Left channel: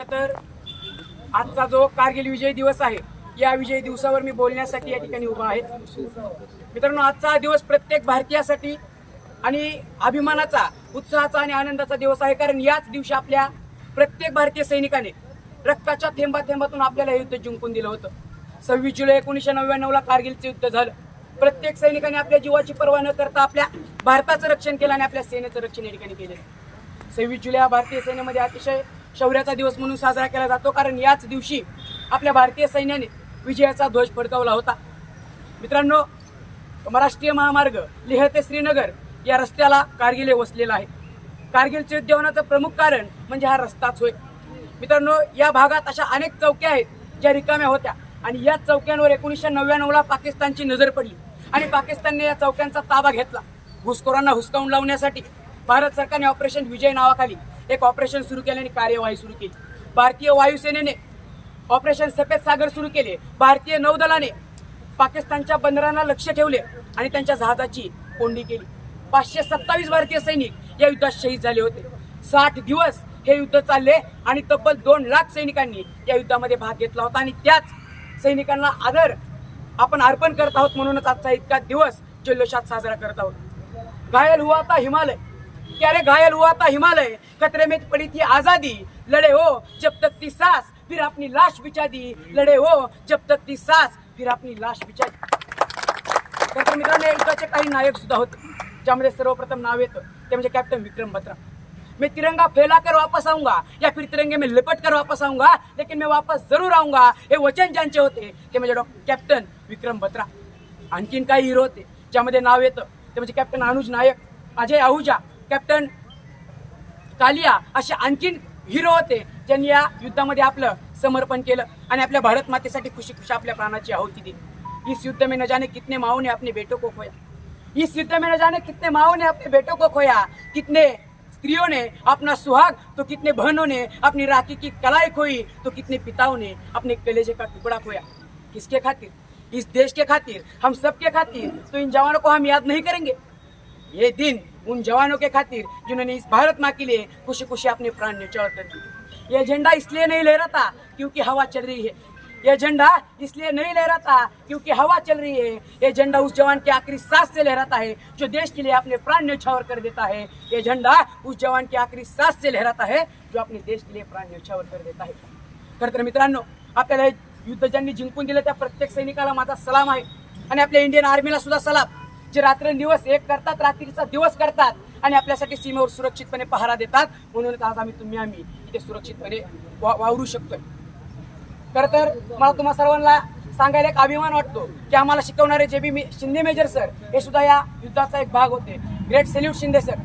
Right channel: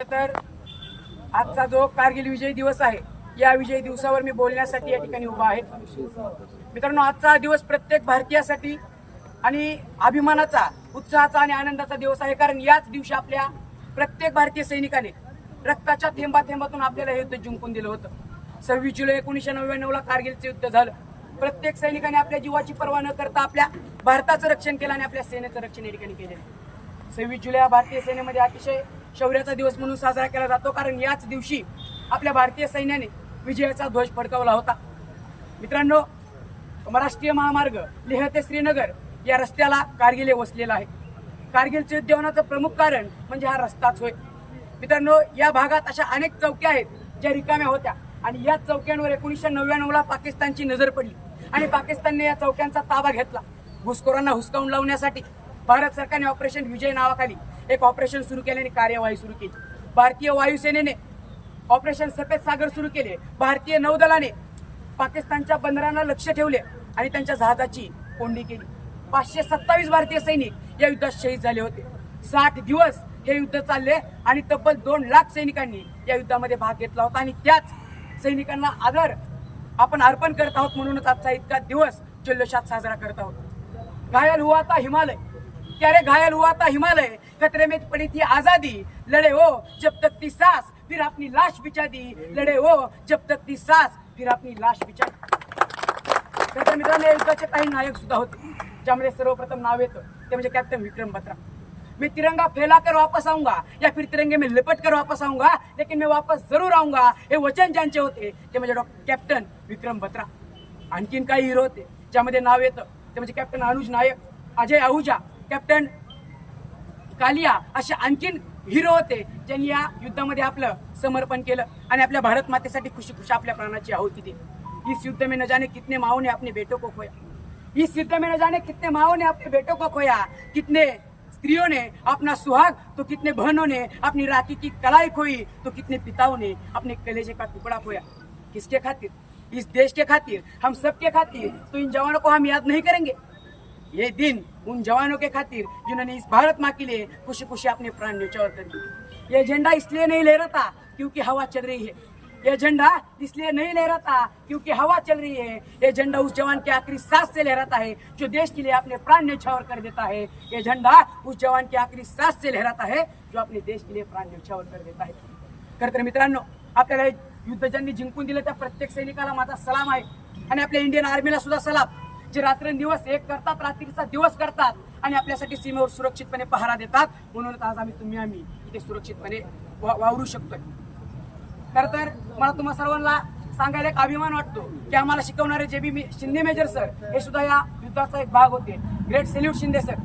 तर आजचा जो कारगिल विजय दिवस आहे या विजय दिवसावर मी बोलण्यासाठी या ठिकाणी उभा आहे. मित्रांनो आजचा हा दिवस प्रत्येक भारतीयासाठी आणि अभिमानाचा उत्साहाचा आणि आनंदाचा दिवस आहे. कारण याच दिवशी आपल्या प्रत्येक भारतीय सैनिकाने रक्ताच्या थेंबा थेंबातून आपल्याला हे युद्ध जिंकून दिलं होतं. सव्वीस जुलै एकोणीसशे नव्याण्णवला कारगिलचं युद्ध झालं. प्रत्येक सैनिकाने आपल्या जीवाची पर्वा न करता आपल्या भारताचं रक्षण केलं आणि आपल्या सेनेचं रक्षण या ठिकाणी केलं सव्वीस जुलै हा भारतीय सेनेमध्ये अतिशय शौर्याचा दिवस म्हणून साजरा केला जातो कारण याच दिवशी आपल्या भारतीय सैन्याने विजयाचा ध्वज फडकावला होता. मित्रांनो राष्ट्रीय महामार्ग लेह ते श्रीनगर या रस्त्याला कारगिल हे वसलेला आहे. कारगिलचं युद्ध होण्याचं प्रमुख कारण म्हणजे हा रस्ताच होय. मित्रांनो या भागात अशा अनेक चौक्या आहेत ज्या रिकाम्या होत्या आणि या चौक्यांवर एकोणीसशे नव्याण्णवला पाकिस्तानची नजर पडली आणि पाकिस्तानने या चौक्यांचा ताबा घेतला. घुसखोरांना हुसकावून लावण्यासाठी भारत सरकारने ऑपरेशन विजय नावाखाली एक ऑपरेशन सुरू केले आणि कार्यवाही सुरू केली. भारतीय वायुसेनेने ऑपरेशन सफेद सागर सुरू केले. भारतीय नौदलाने पाकिस्तानच्या बंदरांना लक्ष ठेवले आणि त्यांच्या जहाजाची कोंडी केली. पाचशे सत्तावीस भारतीय सैनिक या युद्धात शहीद झाले होते. साठ दिवस हे युद्ध चालले आणि तब्बल दोन लाख सैनिकांनी या युद्धामध्ये भाग घेतला होता आणि त्याच सैनिकांना आदर आपण अर्पण करत आहोत म्हणूनच आजचा इतका दिवस जल्लोषात साजरा करत आहोत. घायल हुआ आता हिमालय. क्या रे घायल हुआ था हिमालय खतरे में पड़ी थी आजादी लड़े हो जब तक थी सास फिर अपनी लाश बिछा दी लड़े हो जब तक थी सास फिर अपनी लाश बिछा दी तर मित्रांनो युद्धाचे काही नायक सुद्धा होते ज्यामध्ये सर्वप्रथम नाव येतं ते म्हणजे कॅप्टन विक्रम बत्रा मैं तिरंगा फैला कर वापस आऊंगा या फिर तिरंगे में लिपट कर वापस आऊंगा लेकिन मैं वापस जरूर आऊंगा हे वचन ज्यांचे होते ते म्हणजे डॉक्टर कॅप्टन विक्रम बत्रा आणखीन काही हिरो होते ज्यामध्ये नाव येतं ते म्हणजे कॅप्टन अनुज नायक अजय आहुजा कॅप्टन कालिया असे आणखीन हिरो होते ज्यांनी या युद्धामध्ये आपलं समर्पण केलं आणि आपल्या भारत मातेसाठी खुशी खुशी आपल्या प्राणाची आहुती दिली. इस युद्ध में न जाने कितने माओ ने अपने बेटों को खोया. इस युद्ध में न जाने कितने माओ ने अपने बेटों को खोया. कितने स्त्रियों ने अपना सुहाग तो कितने बहनों ने अपनी राखी की कलाई खोई तो कितने पिताओं ने अपने कलेजे का टुकड़ा खोया. किसके खातिर? इस देश के खातिर हम सबके खातिर तो इन जवानों को हम याद नहीं करेंगे. ये दिन उन जवानों के खातिर जिन्होंने इस भारत माँ के लिए खुशी खुशी अपने प्राण न्यौछावर कर दिए। ये झंडा इसलिए नहीं लहराता क्योंकि हवा चल रही है। ये झंडा इसलिए नहीं लहराता क्योंकि हवा चल रही है। ये झंडा उस जवान के आखिरी सांस से लहराता है जो देश के लिए अपने प्राण न्यौछावर कर देता है। ये झंडा उस जवान के आखिरी सांस से लहराता है जो अपने देश के लिए प्राण न्यौछावर कर देता है। खरं तर मित्रांनो आपल्याला हे युद्ध ज्यांनी जिंकून दिलं त्या प्रत्येक सैनिकाला माझा सलाम आहे. आणि आपल्या इंडियन आर्मीला सुद्धा सलाम. जे रात्रंदिवस एक करतात रात्रीचा दिवस करतात आणि आपल्यासाठी सीमेवर सुरक्षितपणे पहारा देतात म्हणूनच आज आम्ही तुम्ही आम्ही इथे सुरक्षितपणे वा- वावरू शकतोय. खरं तर मला तुम्हा सर्वांना सांगायला एक अभिमान वाटतो की आम्हाला शिकवणारे जे बी मी शिंदे मेजर सर हे सुद्धा या युद्धाचा एक भाग होते. Great salute Shinde sir.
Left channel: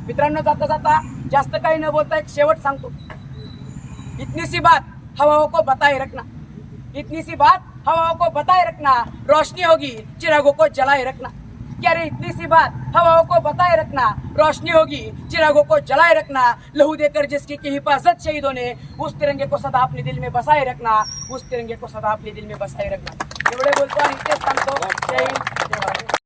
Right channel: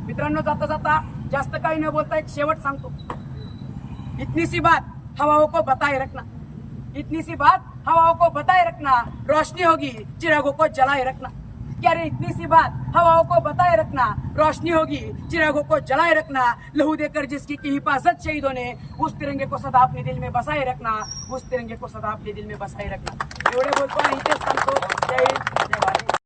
मित्रांनो जाता जाता जास्त काही न बोलता एक शेवट सांगतो. इतनी सी बात हवाओं हो को बताए रखना. इतनी सी बात हवाओं हो को बताए रखना. रोशनी होगी चिरागों को जलाए रखना. क्या रे, इतनी सी बात? हवाओं को बताए रखना, रोशनी होगी, चिरागों को जलाए रखना, लहू देकर जिसकी की हिफाजत शहीदों ने, उस तिरंगे को सदा अपने दिल में बसाए रखना, उस तिरंगे को सदा अपने दिल में बसाए रखना। एवढे बोलतो आणि जय जय भारत।